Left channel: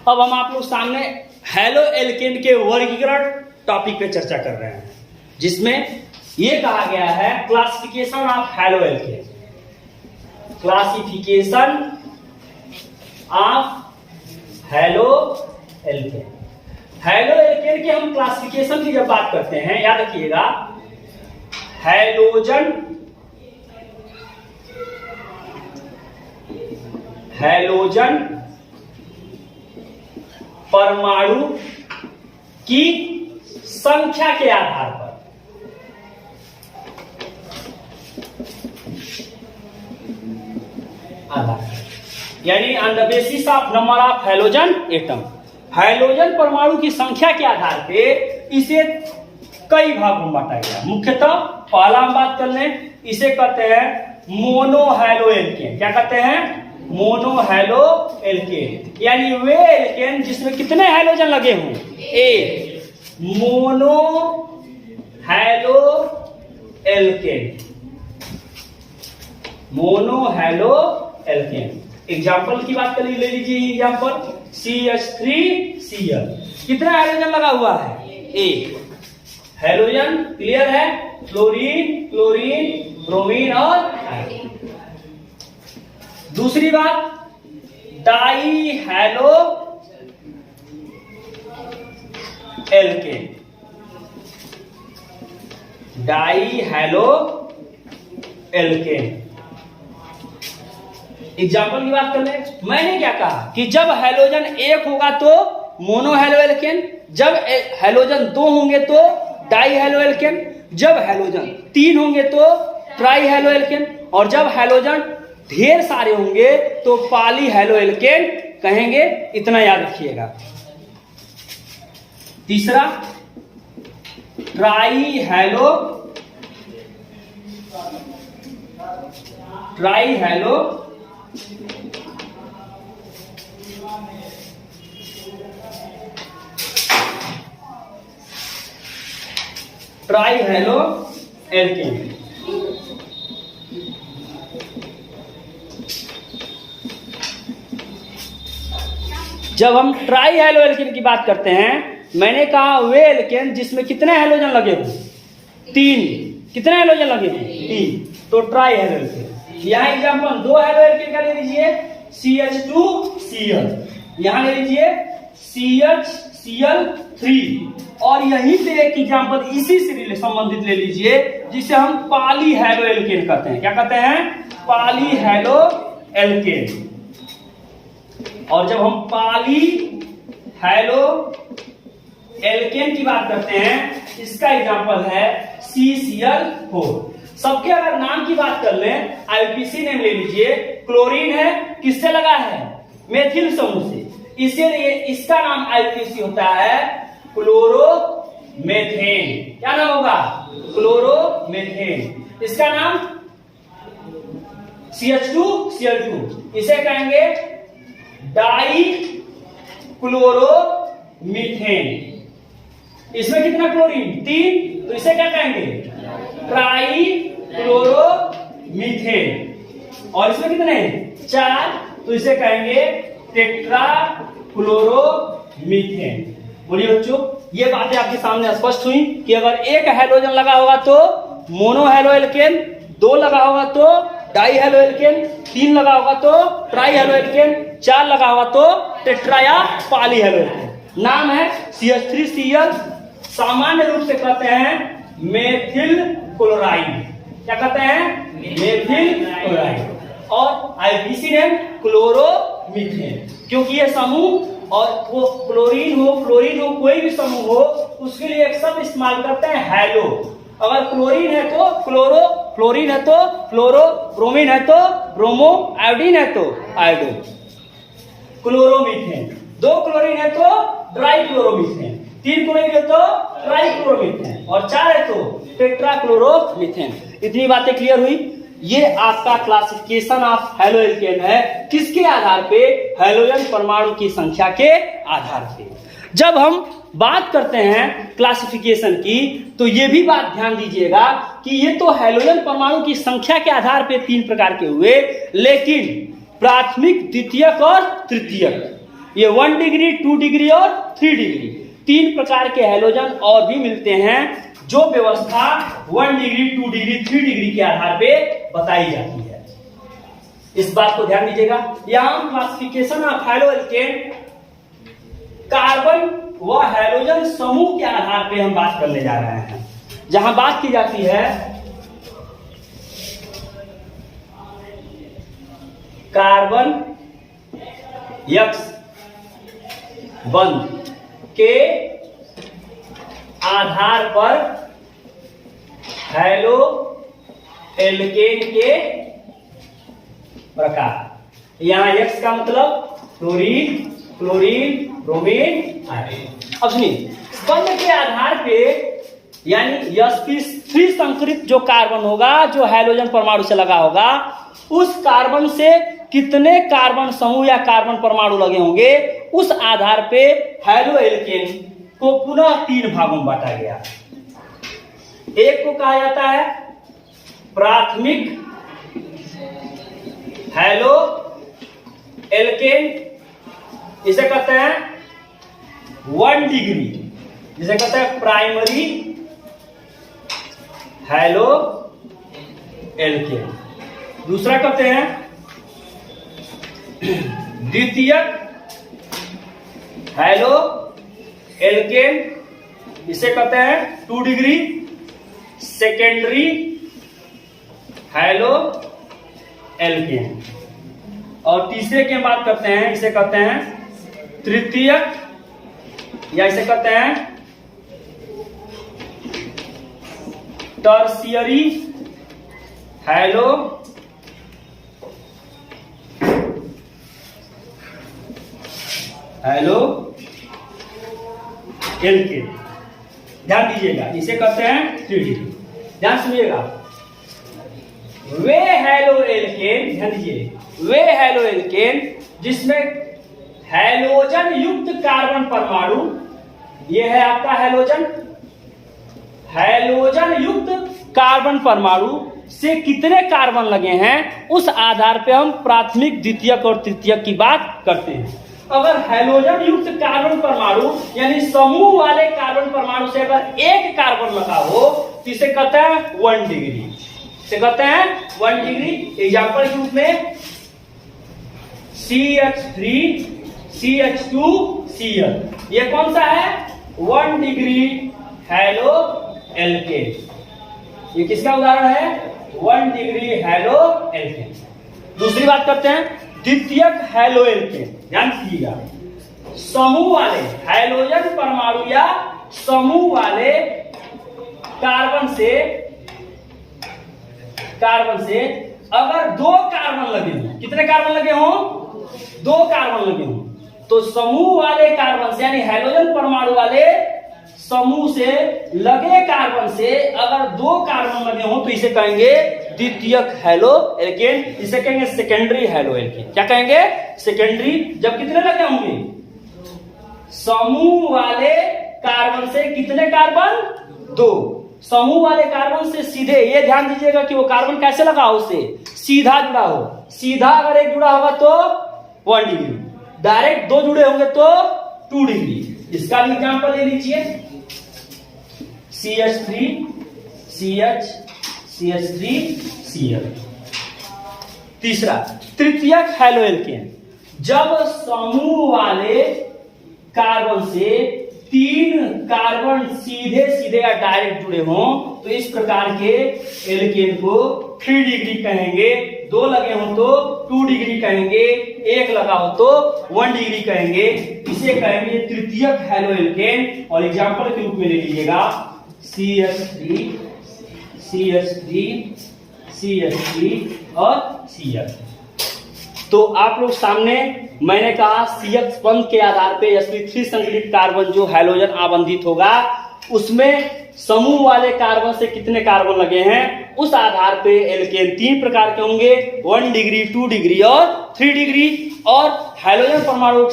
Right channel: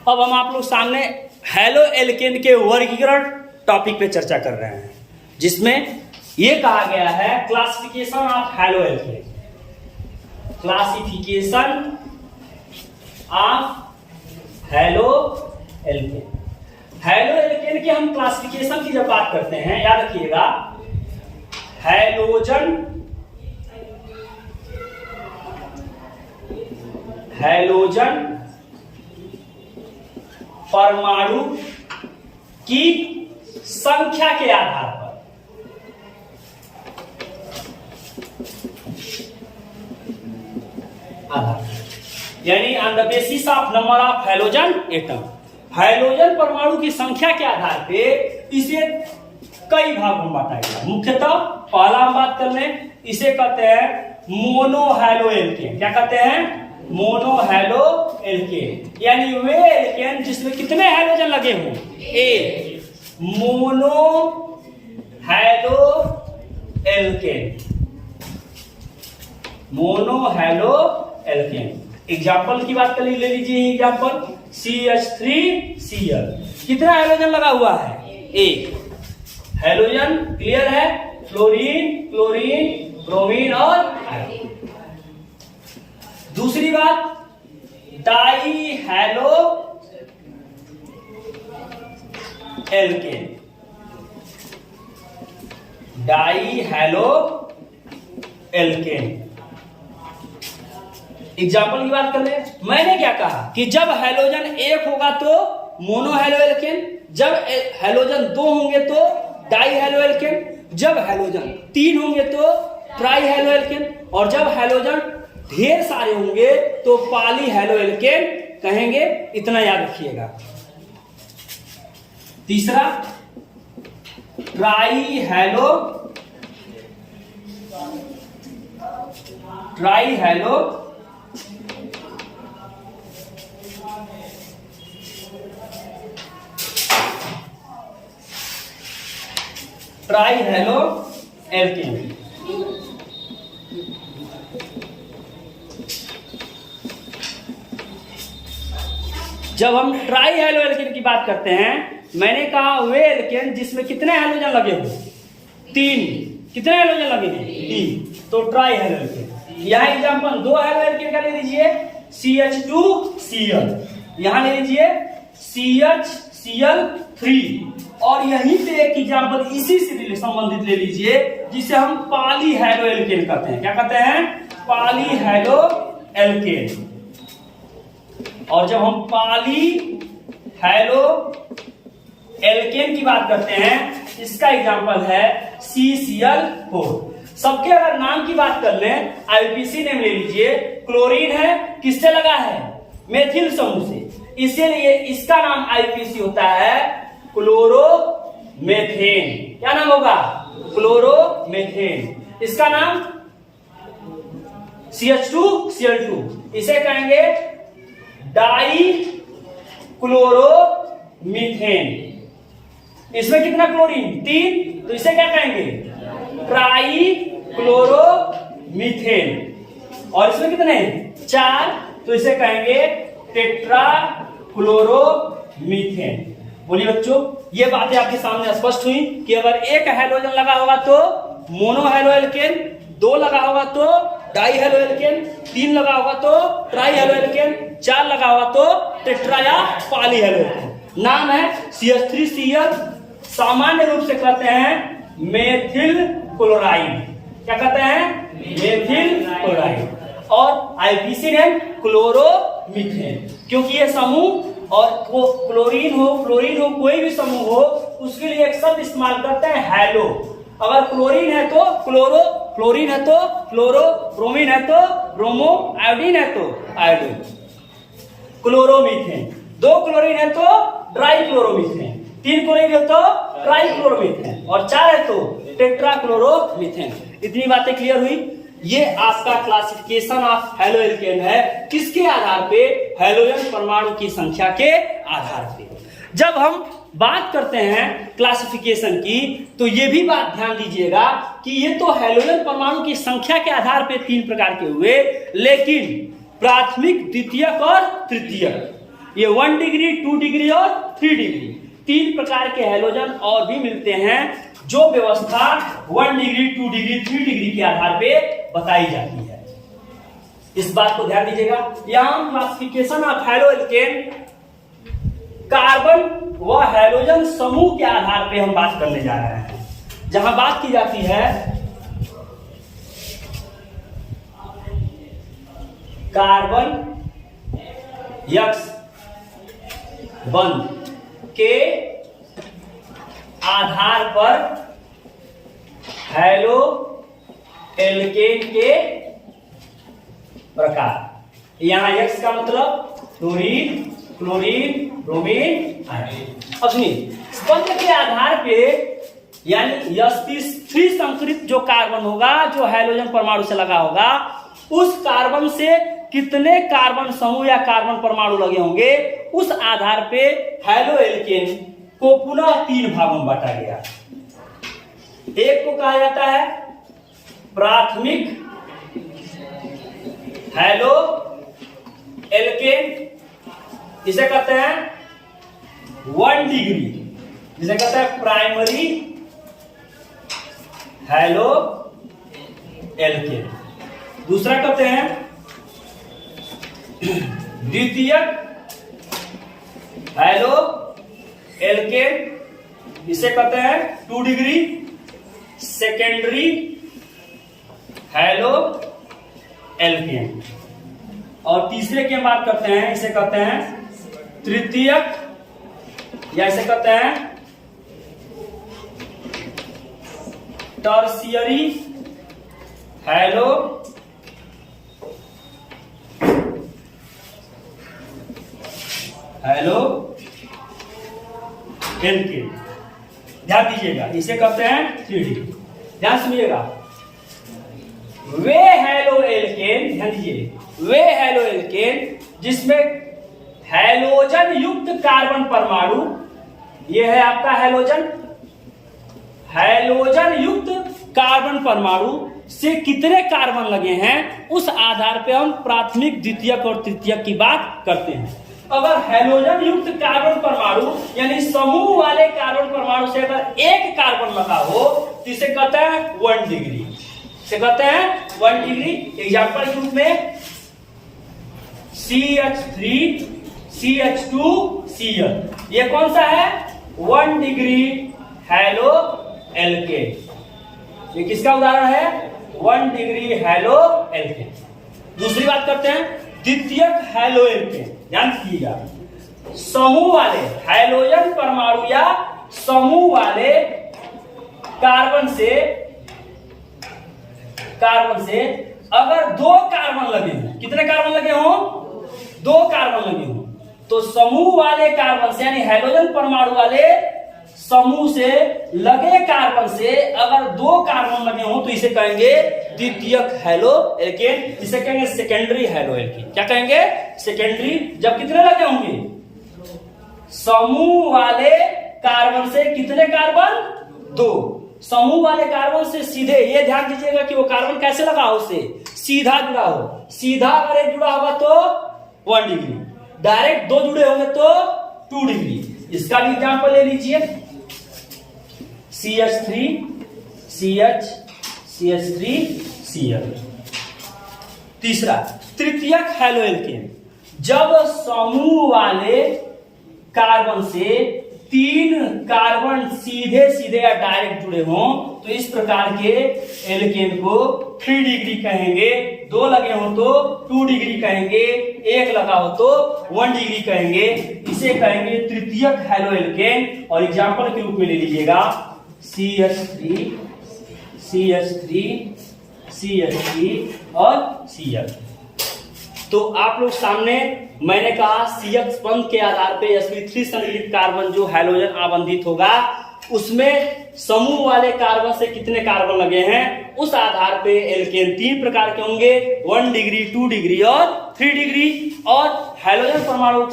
अब हम आप लोग सामने हैलो एल्केन के वर्गीकरण टॉपिक पे चर्चा कर रहे हैं, जिसमें ये कहा गया है classification of haloalkane. Classification of haloalkane. Haloalkane के हम क्लासिफिकेशन की जब बात करते हैं, याद रखिएगा, हैलोजन परमाणु की संख्या के आधार पर यानी on the basis of number of halogen atom, halogen परमाणु की संख्या के आधार पे इसे कई भागों में बांटा गया। मुख्यतः पहला हम बात कर लें, इसे कहते हैं मोनो हैलो एल्केन। क्या कहते हैं? मोनो हैलो एल्केन, यानी वे एल्केन जिसमें कितने हैलोजन लगे हों, एक। Monohaloalkane, mono hello alkene. Example की बात कर ले लीजिए, एग्जाम्पल CH3Cl, कितना हैलोजन लगा हुआ है? एक हैलोजन। क्लियर है? फ्लोरीन, क्लोरीन, ब्रोमीन और आयोडीन। दूसरी बात, dihaloalkane, die hello alkene. Example की बात कर ले, मैंने क्या कहा कि जब हैलोजन एक होगा तो मोनो हैलो एल्केन, जब हैलोजन दो होंगे तो डाई हैलो एल्केन, जब हैलोजन तीन होंगे तो ट्राई हैलो एल्केन, और जब हैलोजन ढेर सारे होंगे तो पॉली हैलो एल्केन कहेंगे। इतना याद रखिएगा। तीसरा, ट्राई हैलो एल्केन। जब हम ट्राई हैलो एल्केन की बात करते हैं, मैंने कहा वे एल्केन जिसमें कितने हैलोजन लगे हो? तीन। कितने हैलोजन लगे हैं? तीन, तो ट्राई हैलो एल्केन। यहाँ एग्जाम्पल दो हैलो एल्केन का ले लीजिए, CH2Cl, यहाँ ले लीजिए CHCl3, और यहीं पे एक एग्जाम्पल इसी से संबंधित ले लीजिए, जिसे हम पॉली हैलो एल्केन कहते हैं। क्या कहते हैं? Polyhaloalkane. और जब हम पॉली हैलो एल्केन की बात करते हैं, इसका एग्जांपल है CCl4। सबके अगर नाम की बात कर लें, IUPAC नेम ले लीजिए। क्लोरीन है, किससे लगा है? मेथिल समूह से, इसीलिए इसका नाम IUPAC होता है क्लोरोमेथेन। क्या नाम होगा? क्लोरोमेथेन। इसका नाम CH2Cl2, इसे कहेंगे डाई क्लोरोमीथेन। इसमें कितना क्लोरीन? तीन, तो इसे क्या कहेंगे? Try chloromethane. और इसमें कितने? चार, तो इसे कहेंगे टेट्रा क्लोरोमीथेन। बोलिए बच्चों, ये बातें आपके सामने स्पष्ट हुई कि अगर एक हैलोजन लगा होगा तो मोनो हैलो एल्केन, दो लगा होगा तो डाई हैलो एल्केन, तीन लगा होगा तो ट्राई हैलो एल्केन, चार लगा होगा तो टेट्रा या पॉली हैलो एल्केन। नाम है CH3Cl, सामान्य रूप से कहते हैं मेथिल क्लोराइड। क्या कहते हैं? Methyl chloride. और IUPAC नेम क्लोरोमीथेन, क्योंकि ये समूह, और वो क्लोरीन हो, फ्लोरीन हो, कोई भी समूह हो, उसके लिए एक शब्द इस्तेमाल करते हैं हैलो। अगर क्लोरीन है तो क्लोरो, फ्लोरीन है तो फ्लोरो, ब्रोमीन है तो ब्रोमो, आयोडीन है तो आयोडो। क्लोरोमीथेन, दो क्लोरीन है तो ड्राई क्लोरोमीथेन, तीन क्लोरीन है तो ट्राई क्लोरोमीथेन, और चार है तो टेट्रा क्लोरोमीथेन। इतनी बातें क्लियर हुई। ये आपका क्लासिफिकेशन ऑफ हैलो एल्केन है। किसके आधार पे? हैलोजन परमाणु की संख्या के आधार पे। जब हम बात करते हैं क्लासिफिकेशन की, तो ये भी बात ध्यान दीजिएगा कि ये तो हैलोजन परमाणु की संख्या के आधार पे तीन प्रकार के हुए, लेकिन प्राथमिक, द्वितीयक और तृतीयक, ये 1 डिग्री, 2 डिग्री और 3 डिग्री, 3 प्रकार के हैलोजन और भी मिलते हैं जो व्यवस्था 1 डिग्री, 2 डिग्री, 3 डिग्री के आधार पे बताई जाती है। इस बात को ध्यान दीजिएगा। यहां classification of haloalkane carbon व हैलोजन समूह के आधार पे हम बात करने जा रहे हैं। जहां बात की जाती है कार्बन X1 के आधार पर हैलो एल्केन के प्रकार। यहां X का मतलब फ्लोरीन, क्लोरीन, ब्रोमीन, आयोडीन। अब सुनिए, बंध के आधार पे यानी sp3 संकरित जो कार्बन होगा, जो हैलोजन परमाणु से लगा होगा, उस कार्बन से कितने कार्बन समूह या कार्बन परमाणु लगे होंगे, उस आधार पे हैलो एल्केन को पुनः 3 भागों में बांटा गया। एक को कहा जाता है प्राथमिक हैलो एल्केन, इसे कहते हैं 1 डिग्री, जिसे कहते हैं प्राइमरी हैलो एल्केन। दूसरा कहते हैं द्वितीयक हैलो एल्केन, इसे कहते हैं 2 डिग्री सेकेंडरी हैलो एल्केन। और तीसरे की बात करते हैं, इसे कहते हैं तृतीयक या इसे कहते हैं टर्शियरी हैलो एल्केन। ध्यान दीजिएगा, इसे कहते हैं 3 डिग्री। ध्यान सुनिएगा, वे हैलो एल्केन, ध्यान दीजिए, वे हैलो एल्केन जिसमें हैलोजन युक्त कार्बन परमाणु, यह है आपका हैलोजन, हैलोजन युक्त कार्बन परमाणु से कितने कार्बन लगे हैं, उस आधार पे हम प्राथमिक, द्वितीयक और तृतीयक की बात करते हैं। अगर हैलोजन युक्त कार्बन परमाणु यानी समूह वाले कार्बन परमाणु से अगर एक कार्बन लगा हो तो इसे कहते हैं 1 डिग्री, इसे कहते हैं 1 डिग्री। एग्जाम्पल के रूप में CH3, CH2, Cl, ये कौन सा है? 1 डिग्री हैलो एल्केन। ये किसका उदाहरण है? 1 डिग्री हैलो एल्केन। दूसरी बात करते हैं द्वितीयक हैलो एल्केन। ध्यान दीजिएगा, समूह वाले हैलोजन परमाणु या समूह वाले कार्बन से अगर 2 कार्बन लगे हों, कितने कार्बन लगे हों? 2 कार्बन लगे हों, तो समूह वाले कार्बन से यानी हैलोजन परमाणु वाले समूह से लगे कार्बन से अगर 2 कार्बन लगे हों तो इसे कहेंगे द्वितीयक हैलो एल्केन, इसे कहेंगे सेकेंडरी हैलो एल्केन। क्या कहेंगे? सेकेंडरी। जब कितने लगे होंगे? समूह वाले कार्बन से कितने कार्बन? 2। समूह वाले कार्बन से सीधे, ये ध्यान दीजिएगा कि वो कार्बन कैसे लगा हो, उससे सीधा जुड़ा हो। सीधा अगर एक जुड़ा होगा तो 1 डिग्री, डायरेक्ट 2 जुड़े होंगे तो 2 डिग्री। इसका भी एग्जाम्पल ले लीजिए, CH3, CH, CH3, Cl। तीसरा तृतीयक हैलो एल्केन, जब समूह वाले कार्बन से 3 कार्बन सीधे सीधे या डायरेक्ट जुड़े हों तो इस प्रकार के एल्केन को 3 डिग्री कहेंगे, 2 लगे हों तो 2 डिग्री कहेंगे, 1 लगा हो तो 1 डिग्री कहेंगे। इसे कहेंगे तृतीयक हैलो एल्केन। और एग्जाम्पल के रूप में ले लीजिएगा CH3, CH3, CH3 और Cl। तो आप लोग सामने मैंने कहा CH1 के आधार पे sp3 संकलित कार्बन जो हैलोजन आवंधित होगा उसमें समूह वाले कार्बन से कितने कार्बन लगे हैं, उस आधार पे एल्केन 3 प्रकार के होंगे, 1 डिग्री, 2 डिग्री और 3 डिग्री। और हैलोजन परमाणु